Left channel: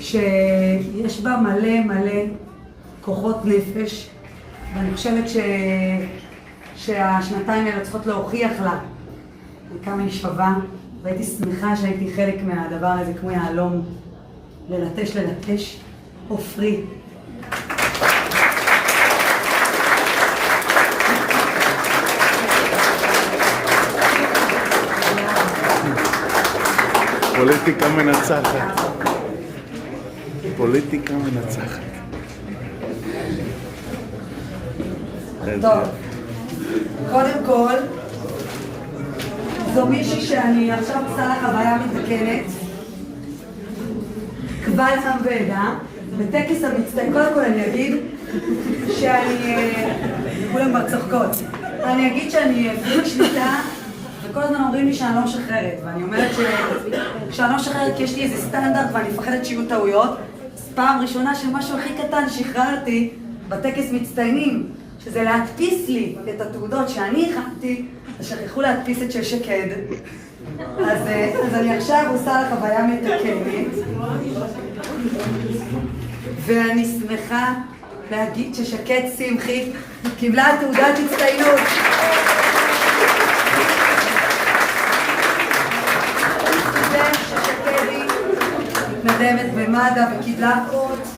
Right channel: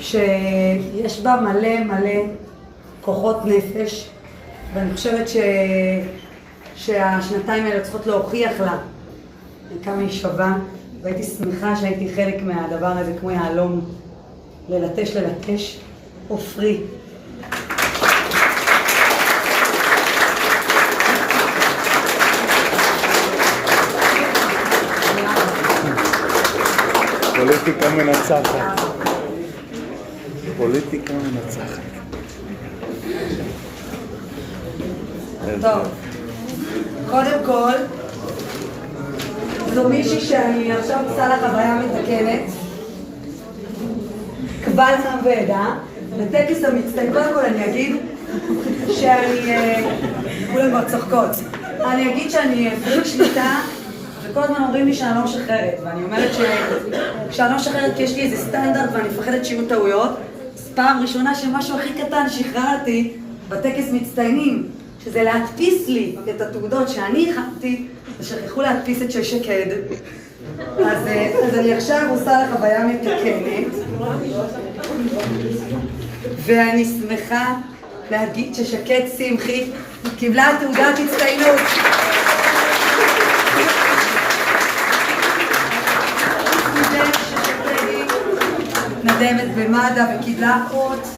שיש בה מלא מלא כוחות נפש, ואני חושבת שהשנתיים האלה צריכות להוכיח לה כמה היא שווה, והייתי שמחה שהייתי חלק מהדבר הזה כמו יעלום, ללטש עופרי. פוליטיקה מנצחת. פוליטיקה מנצחת. טוב, קודם כל, זו מישהי שאני עכשיו עושה לה חוויה מתקנת, קבל עם ועדה, בטקס המצטיין. קודם כל אני אגיד שאני, כולם כבר צוחקות, אני אגיד שאני פריק שליטה, וכל הזמן אומרים לי שאני לא משחררת, ואני אומרת שאני לא משחררת כי יש לי איזה סטנדרט ואני מפחדת שיהיו טעויות. אז פעם ראשונה שמשהו הכי קטן שחררתי בטקס מצטיינים, שזה להדפיס לי את התעודות שאני הכנתי, ושכחו להדפיס את של שקד. אז אני עכשיו עושה לה חוויה מתקנת, ואני שמחה להגיד ששקד שמחי קיבלה תעודת הצטיינות. סטודנט ששקד היא נדמת במד"א וקיבלה אות